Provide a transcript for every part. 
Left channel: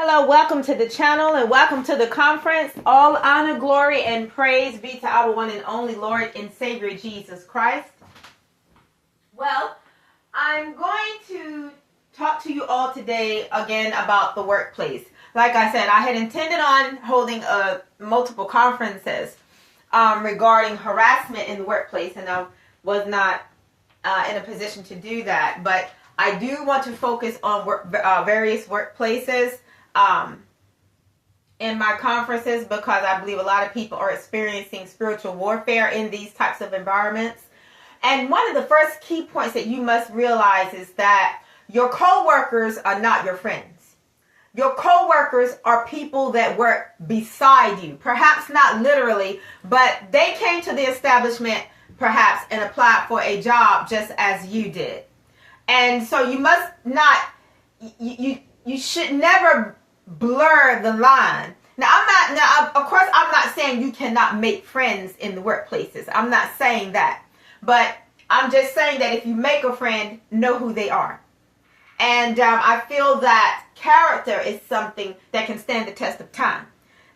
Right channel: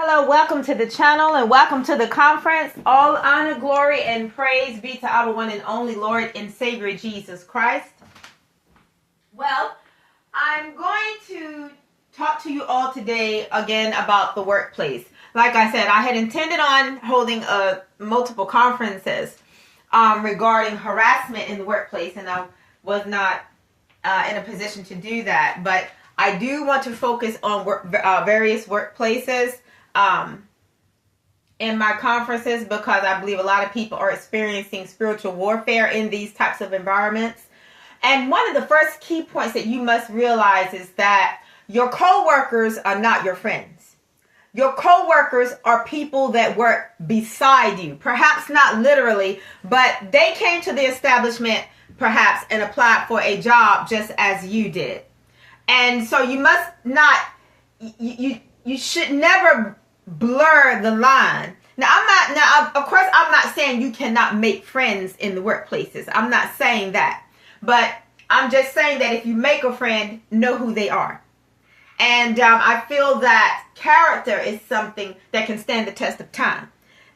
Hello, welcome to the channel and welcome to the conference. All honor, glory, and praise be to our one and only Lord and Savior Jesus Christ. Well, I'm going to talk to you all today again about the workplace. Like I said, I had intended on holding multiple conferences regarding harassment in the workplace, and I was not in a position to do that. But I do want to focus on various workplaces in my conferences, because I believe a lot of people are experiencing spiritual warfare in these types of environments. And one of the first key points that you must realize is that your co-workers are not your friends. Your co-workers are people that work beside you, perhaps not literally, but they came to the establishment perhaps and applied for a job just as you did. And so you must not, you should never blur the line. Of course, I'm not saying you cannot make friends in the workplaces. I'm not saying that. But I'm just saying that if you make a friend, know who they are. And I feel that character is something that can stand the test of time.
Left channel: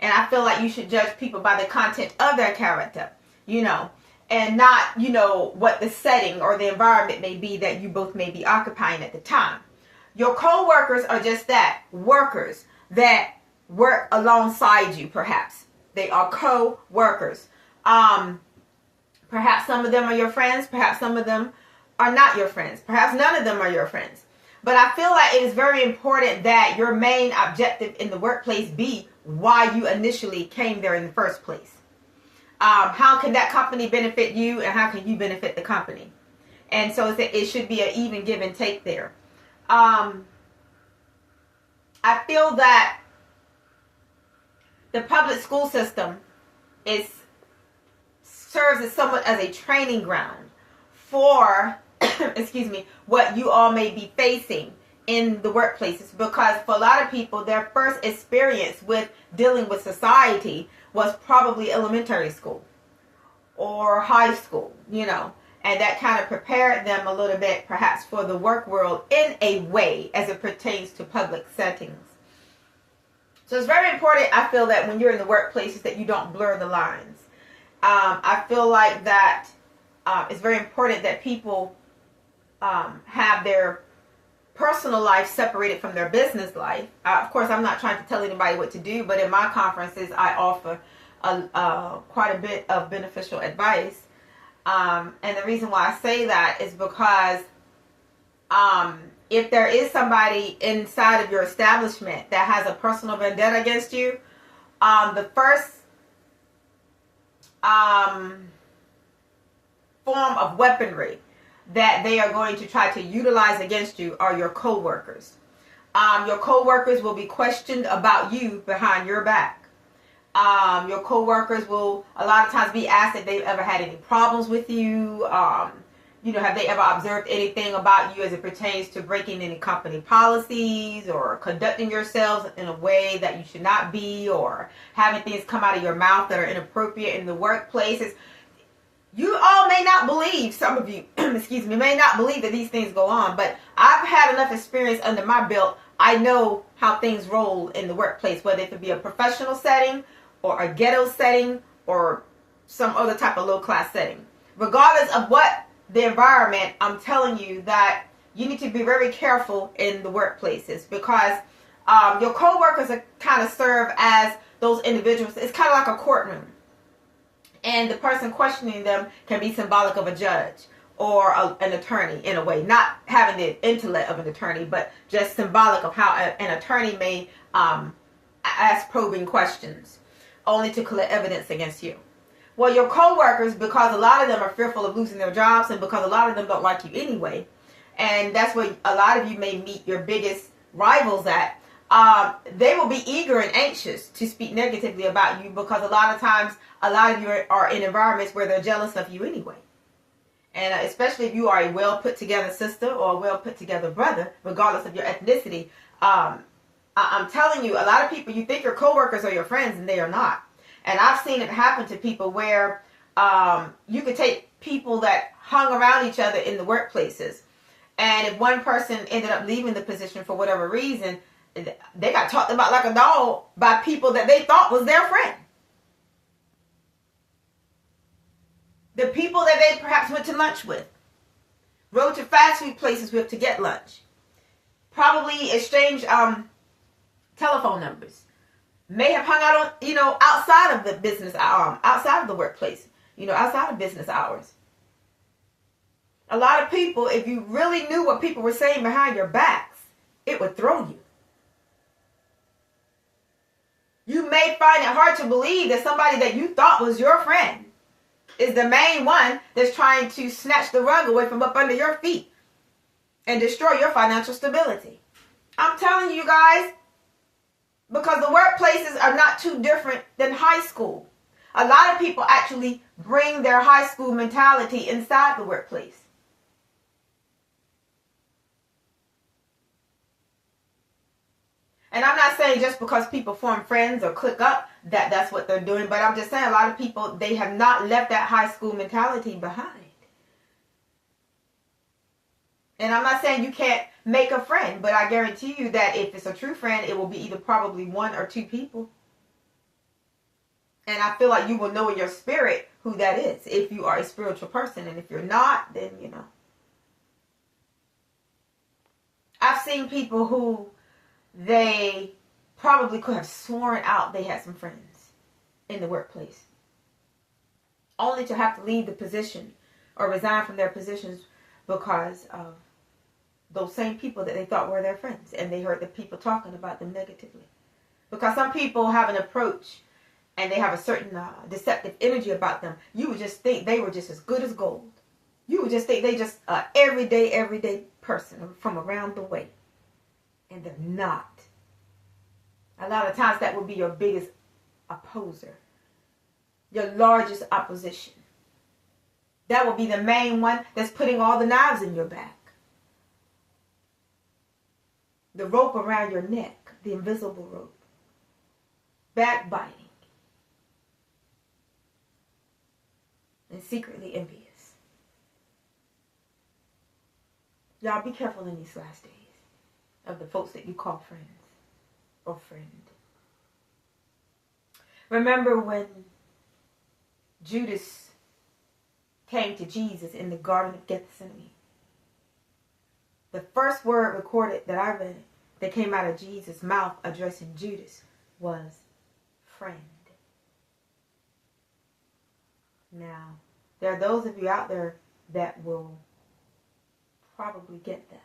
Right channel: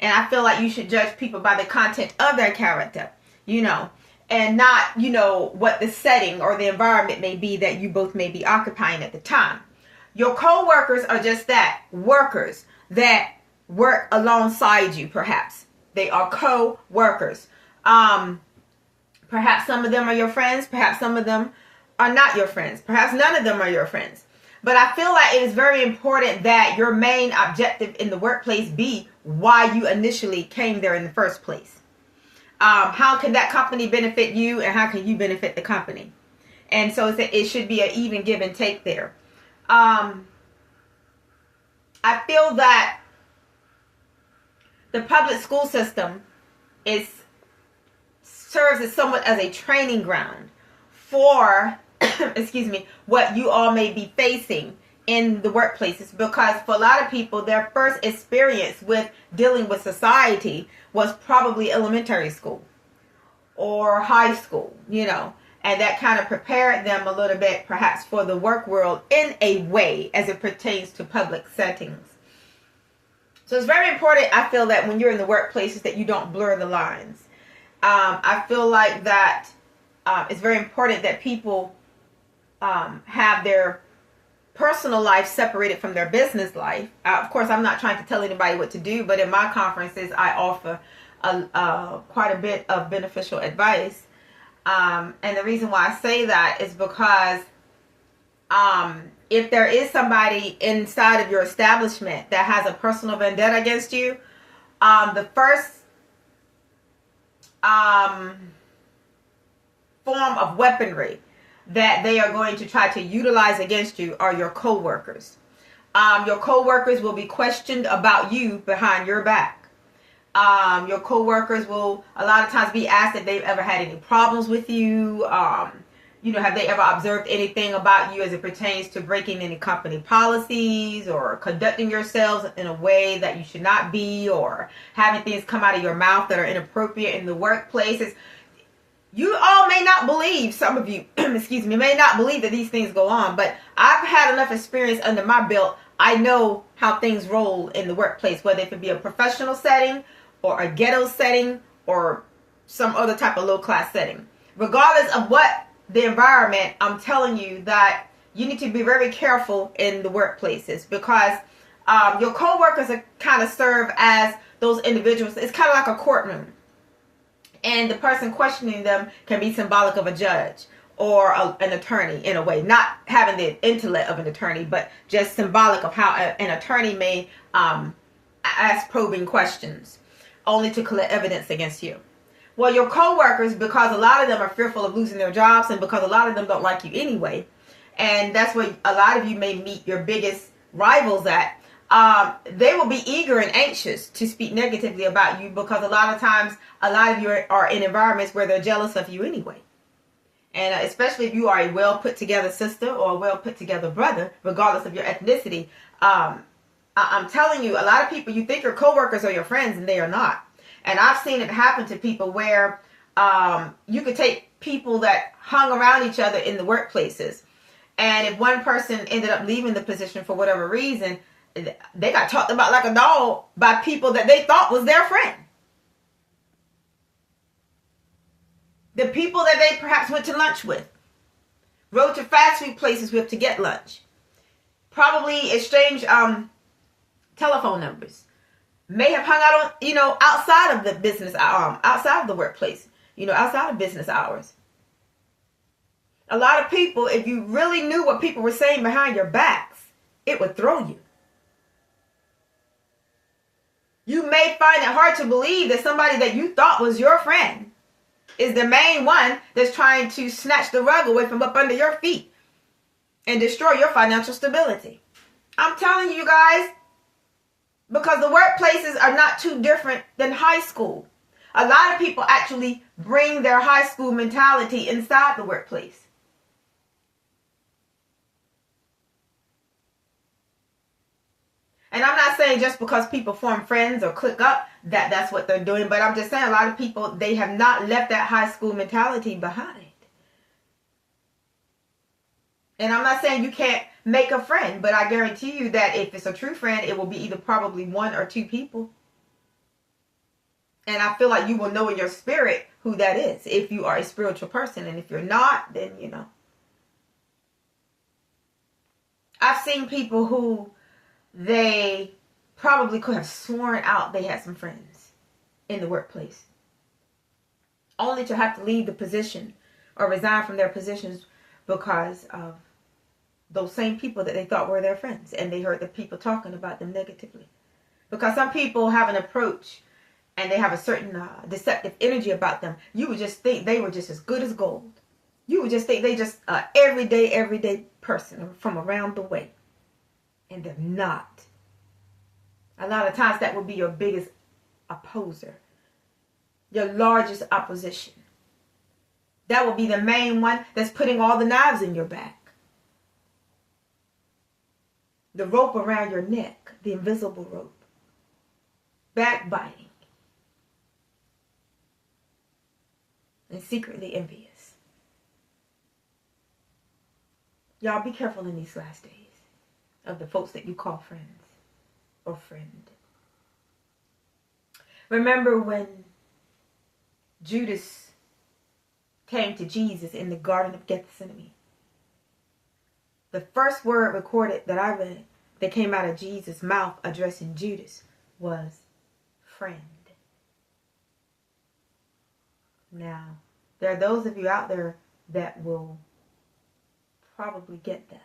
And I feel like you should judge people by the content of their character, and not, what the setting or the environment may be that you both may be occupying at the time. Your co-workers are just that, workers that work alongside you, perhaps. They are co-workers. Perhaps some of them are your friends. Perhaps some of them are not your friends. Perhaps none of them are your friends. But I feel like it is very important that your main objective in the workplace be why you initially came there in the first place. How can that company benefit you, and how can you benefit the company? And so it should be an even give and take there. I feel that the public school system serves as somewhat as a training ground for, what you all may be facing in the workplaces. Because for a lot of people, their first experience with dealing with society was probably elementary school or high school, and that kind of prepared them a little bit perhaps for the work world in a way as it pertains to public settings. So it's very important, I feel, that when you're in the workplaces that you don't blur the lines. I feel like that it's very important that people have their personal life separated from their business life. Of course, I'm not trying to tell anybody what to do, but in my conferences, I offer quite a bit of beneficial advice. And the reason why I say that is because if there is somebody inside of your establishment that has a personal vendetta against you, the first form of weaponry that they are going to try to utilize against you are your co-workers. Your co-workers will be questioned about you behind your back. Your co-workers will a lot of times be asked if they've ever had any problems with you. Have they ever observed anything about you as it pertains to breaking any company policies or conducting yourselves in a way that you should not be, or having things come out of your mouth that are inappropriate in the workplaces. You all may not believe, some of you, may not believe that these things go on, but I've had enough experience under my belt. I know how things roll in the workplace, whether it be a professional setting or a ghetto setting or some other type of low-class setting. Regardless of what the environment, I'm telling you that you need to be very careful in the workplaces, because your co-workers are kind of serve as those individuals. It's kind of like a courtroom. And the person questioning them can be symbolic of a judge or an attorney in a way. Not having the intellect of an attorney, but just symbolic of how an attorney may ask probing questions only to collect evidence against you. Well, your co-workers, because a lot of them are fearful of losing their jobs, and because a lot of them don't like you anyway, and that's where a lot of you may meet your biggest rivals at, they will be eager and anxious to speak negatively about you, because a lot of times, a lot of you are in environments where they're jealous of you anyway. And especially if you are a well put together sister or a well put together brother, regardless of your ethnicity, I'm telling you, a lot of people, you think your coworkers are your friends, and they are not. And I've seen it happen to people where you could take people that hung around each other in the workplaces, and if one person ended up leaving the position for whatever reason, they got talked about like a dog by people that they thought was their friend. The people that they perhaps went to lunch with, rode to fast food places with to get lunch, probably exchanged telephone numbers, may have hung out on, outside of the business, outside of the workplace, outside of business hours. A lot of people, if you really knew what people were saying behind your backs, it would throw you. You may find it hard to believe that somebody that you thought was your friend is the main one that's trying to snatch the rug away from up under your feet and destroy your financial stability. I'm telling you guys, because the workplaces are not too different than high school. A lot of people actually bring their high school mentality inside the workplace. And I'm not saying just because people form friends or click up that's what they're doing. But I'm just saying a lot of people, they have not left that high school mentality behind. And I'm not saying you can't make a friend. But I guarantee you that if it's a true friend, it will be either probably one or two people. And I feel like you will know in your spirit who that is if you are a spiritual person. And if you're not, then, I've seen people who they probably could have sworn out they had some friends in the workplace, only to have to leave the position or resign from their positions because of those same people that they thought were their friends, and they heard the people talking about them negatively. Because some people have an approach and they have a certain deceptive energy about them. You would just think they were just as good as gold. You would just think they just everyday person from around the way. And they're not. A lot of times that will be your biggest opposer. Your largest opposition. That will be the main one that's putting all the knives in your back. The rope around your neck. The invisible rope. Backbiting. And secretly envious. Y'all be careful in these last days of the folks that you call friends or friend. Remember when Judas came to Jesus in the Garden of Gethsemane? The first word recorded that I read that came out of Jesus' mouth addressing Judas was friend. Now, there are those of you out there that will probably get that.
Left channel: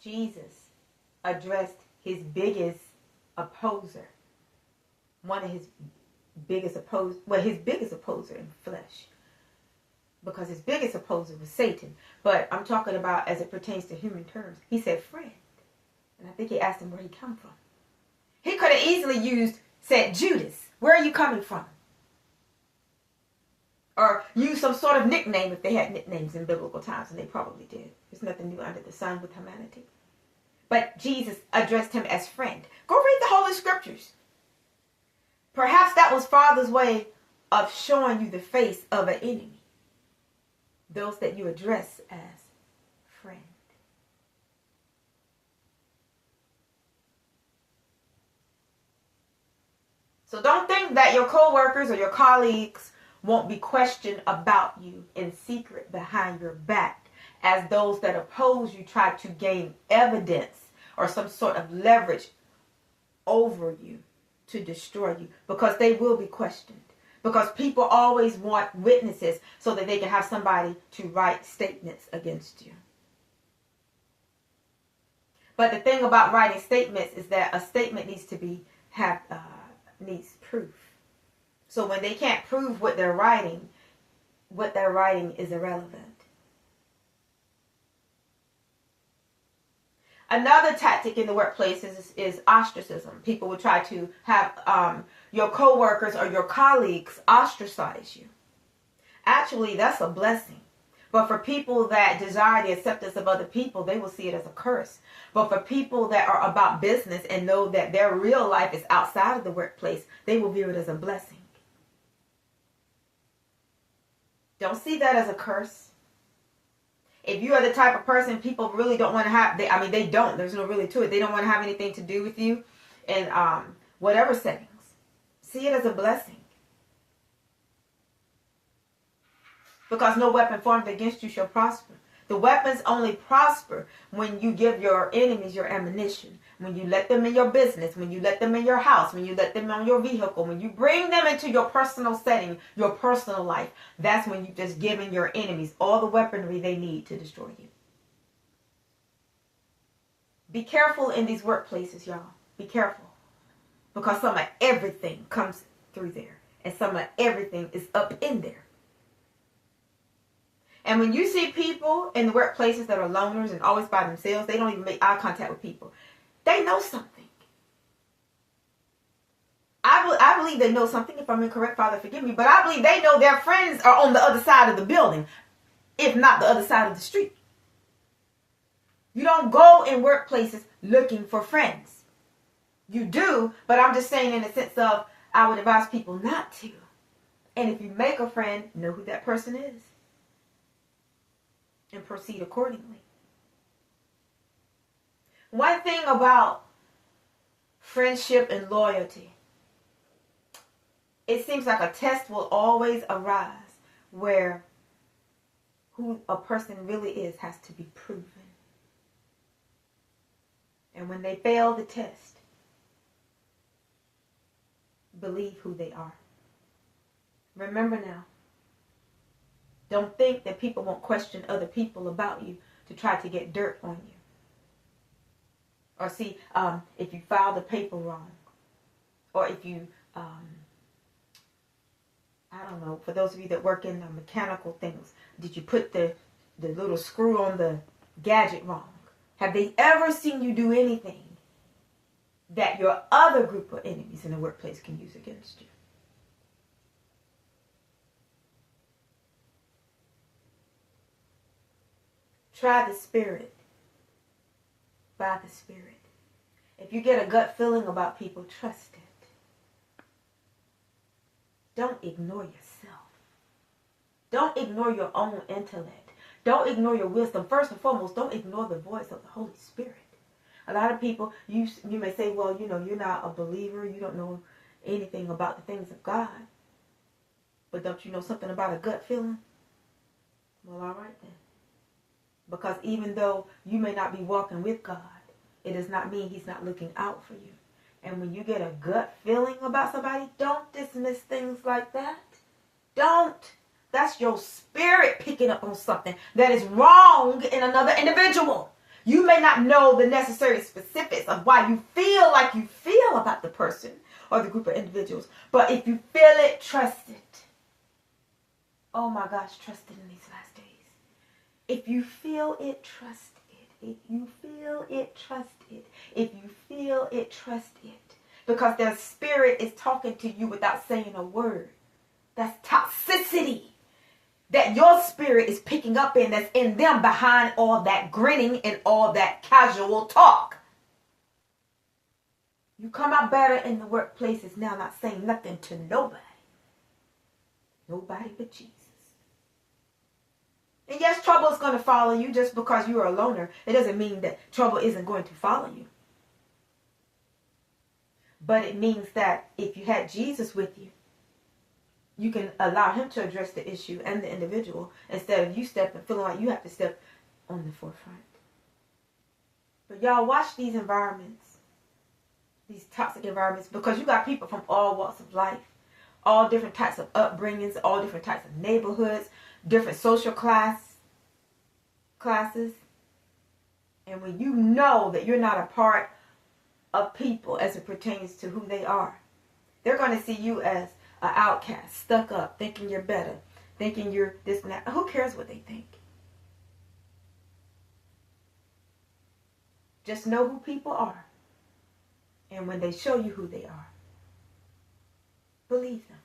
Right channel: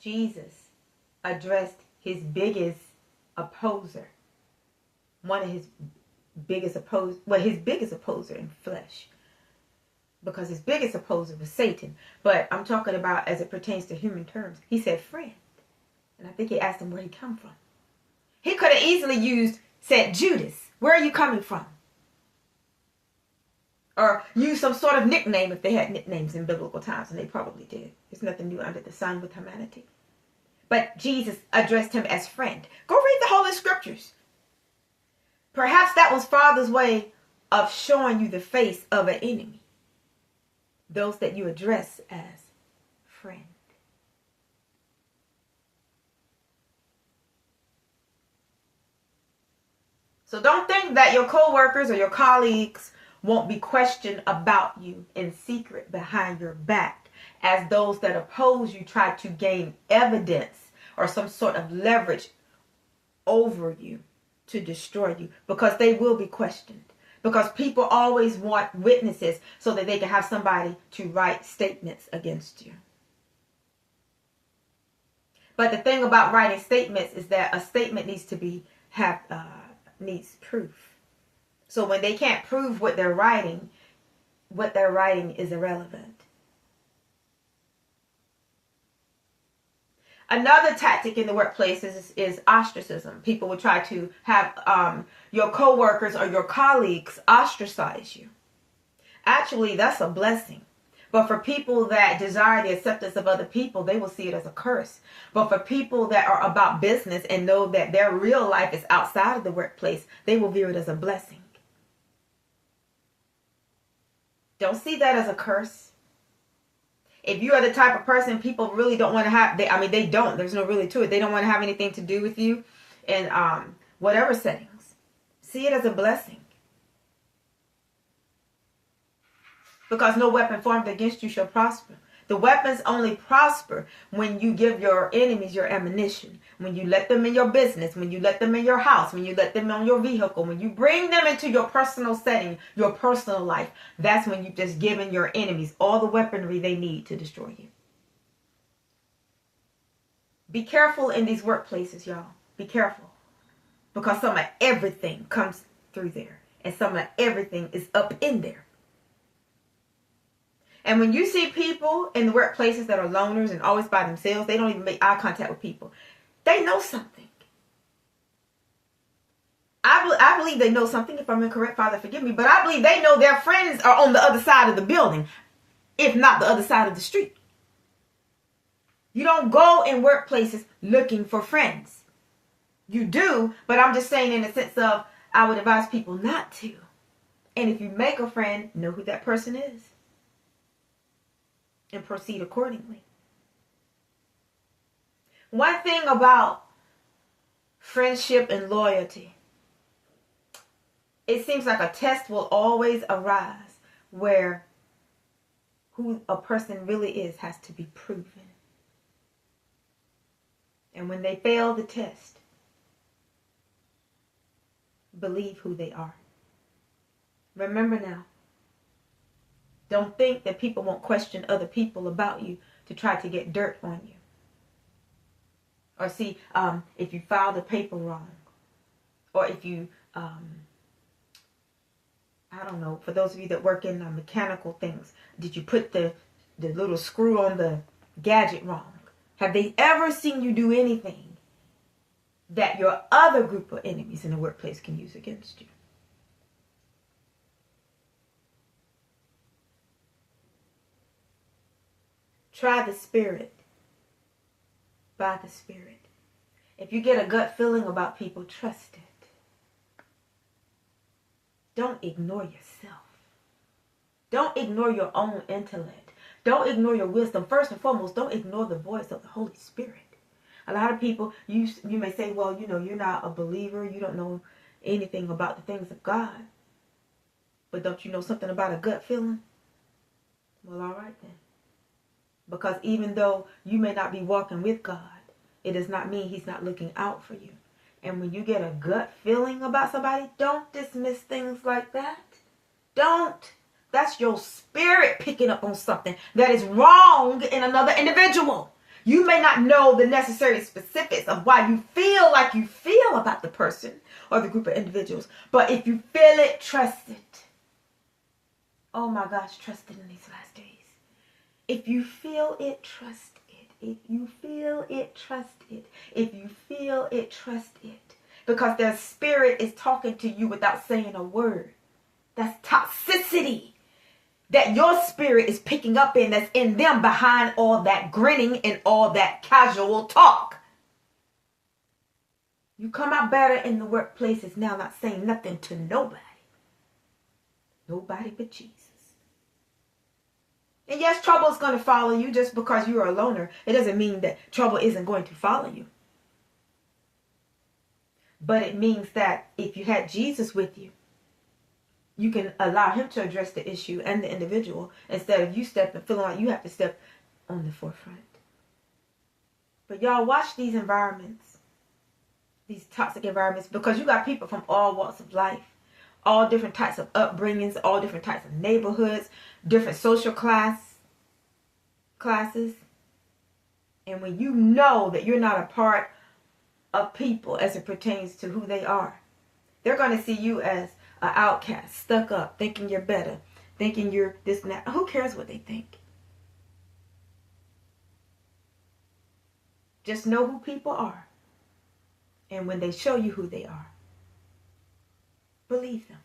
Jesus addressed his biggest opposer, his biggest opposer in flesh, because his biggest opposer was Satan. But I'm talking about as it pertains to human terms. He said friend, and I think he asked him where he come from. He could have easily said Judas, where are you coming from? Or use some sort of nickname if they had nicknames in biblical times, and they probably did. There's nothing new under the sun with humanity. But Jesus addressed him as friend. Go read the Holy Scriptures. Perhaps that was Father's way of showing you the face of an enemy. Those that you address as friend. So don't think that your co-workers or your colleagues won't be questioned about you in secret behind your back, as those that oppose you try to gain evidence or some sort of leverage over you to destroy you, because they will be questioned. Because people always want witnesses so that they can have somebody to write statements against you. But the thing about writing statements is that a statement needs proof. So when they can't prove what they're writing is irrelevant. Another tactic in the workplace is ostracism. People will try to have your coworkers or your colleagues ostracize you. Actually, that's a blessing. But for people that desire the acceptance of other people, they will see it as a curse. But for people that are about business and know that their real life is outside of the workplace, they will view it as a blessing. Don't see that as a curse. If you are the type of person people really don't want to have, they don't. There's no really to it. They don't want to have anything to do with you in whatever settings. See it as a blessing. Because no weapon formed against you shall prosper. The weapons only prosper when you give your enemies your ammunition. When you let them in your business, when you let them in your house, when you let them on your vehicle, when you bring them into your personal setting, your personal life, that's when you've just given your enemies all the weaponry they need to destroy you. Be careful in these workplaces, y'all. Be careful. Because some of everything comes through there. And some of everything is up in there. And when you see people in the workplaces that are loners and always by themselves, they don't even make eye contact with people. They know something. I believe they know something. If I'm incorrect, Father, forgive me. But I believe they know their friends are on the other side of the building, if not the other side of the street. You don't go in workplaces looking for friends. You do, but I'm just saying in the sense of I would advise people not to. And if you make a friend, know who that person is. And proceed accordingly. One thing about friendship and loyalty, it seems like a test will always arise where who a person really is has to be proven. And when they fail the test, believe who they are. Remember now, don't think that people won't question other people about you to try to get dirt on you. Or see, if you filed the paper wrong. Or if you, I don't know, for those of you that work in mechanical things, did you put the little screw on the gadget wrong? Have they ever seen you do anything that your other group of enemies in the workplace can use against you? Try the Spirit by the Spirit. If you get a gut feeling about people, trust it. Don't ignore yourself. Don't ignore your own intellect. Don't ignore your wisdom. First and foremost, don't ignore the voice of the Holy Spirit. A lot of people, you may say, well, you're not a believer. You don't know anything about the things of God. But don't you know something about a gut feeling? Well, all right then. Because even though you may not be walking with God, it does not mean He's not looking out for you. And when you get a gut feeling about somebody, don't dismiss things like that. Don't. That's your spirit picking up on something that is wrong in another individual. You may not know the necessary specifics of why you feel like you feel about the person or the group of individuals. But if you feel it, trust it. Oh my gosh, trust it in these last days. If you feel it, trust it. If you feel it, trust it. If you feel it, trust it. Because their spirit is talking to you without saying a word. That's toxicity that your spirit is picking up in, that's in them behind all that grinning and all that casual talk. You come out better in the workplaces now, not saying nothing to nobody. Nobody but Jesus. And yes, trouble is going to follow you just because you're a loner. It doesn't mean that trouble isn't going to follow you. But it means that if you had Jesus with you, you can allow Him to address the issue and the individual instead of you stepping, feeling like you have to step on the forefront. But y'all, watch these environments, these toxic environments, because you got people from all walks of life, all different types of upbringings, all different types of neighborhoods, different social classes. And when you know that you're not a part of people as it pertains to who they are, they're going to see you as an outcast, stuck up, thinking you're better, thinking you're this and that. Who cares what they think? Just know who people are. And when they show you who they are, believe them.